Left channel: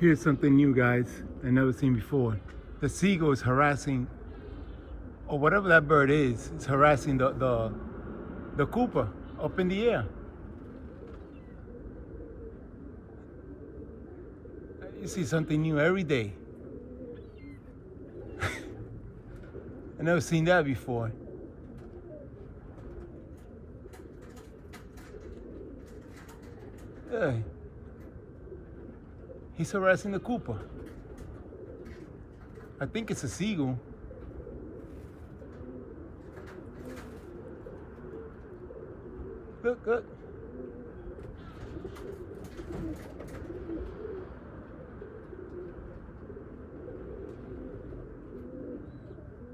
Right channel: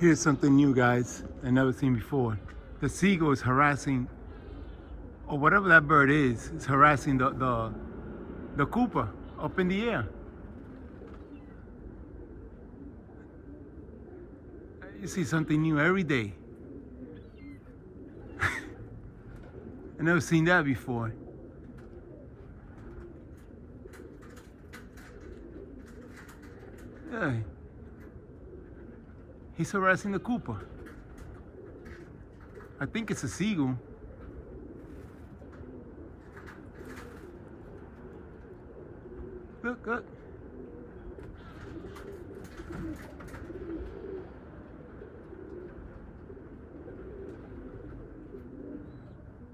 Here's something new, guys, I never seen before. The seagull is harassing, or whatever that bird is harassing the Cooper up in the air. You see something new every day. I never seen that before. Yeah. He's harassing the Cooper. I think it's a seagull. Look, look.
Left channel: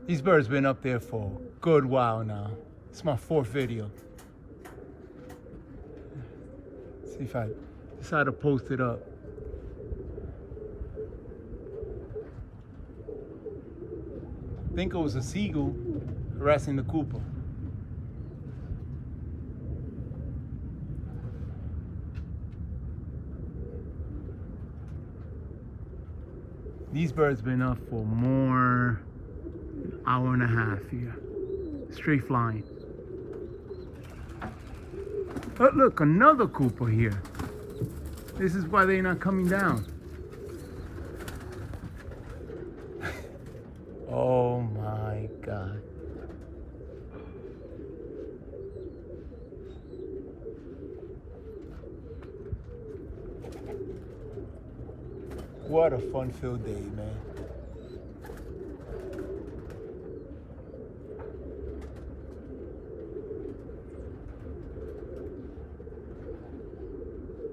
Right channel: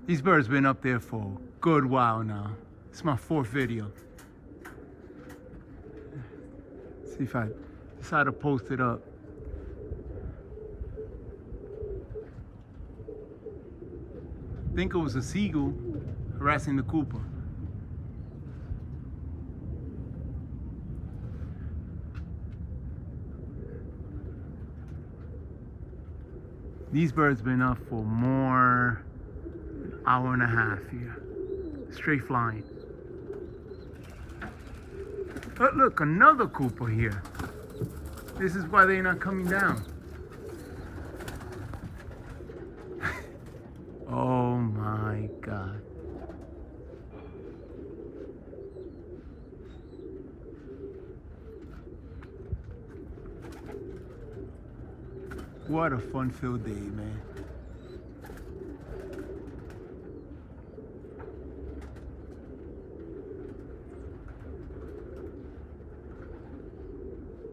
These birds been up there for a good while now. It's my 4th video. See if I decide to post it up. I think it was a seagull harassing the Cooper. These birds been up for more than an hour and a half here, straight flying. But look, another Cooper here. This is why they're not coming down. Oh my God. What a fun-filled day, man.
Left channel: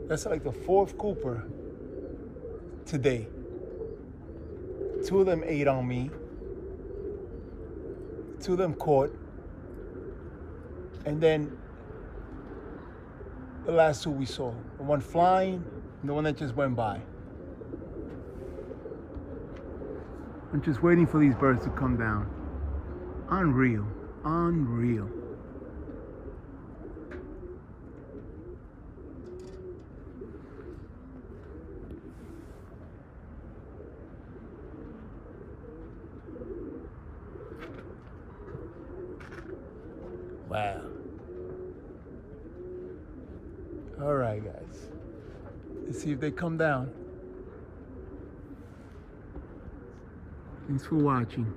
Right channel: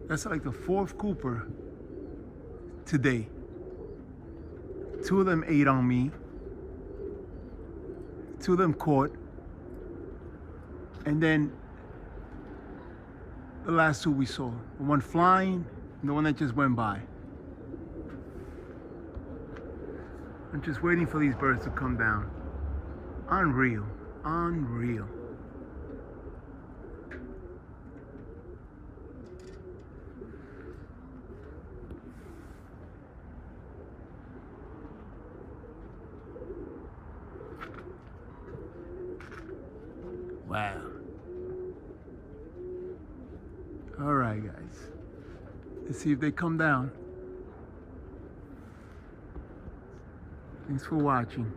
That's like the 4th Cooper today. 2 of them ate on me. 2 of them caught. And then the last 2 we saw. The one flying and the one that just went by. I'm just waiting for these birds to come down. Unreal, unreal. Wow. All right, guys. Let's see if they come down. Thanks for watching.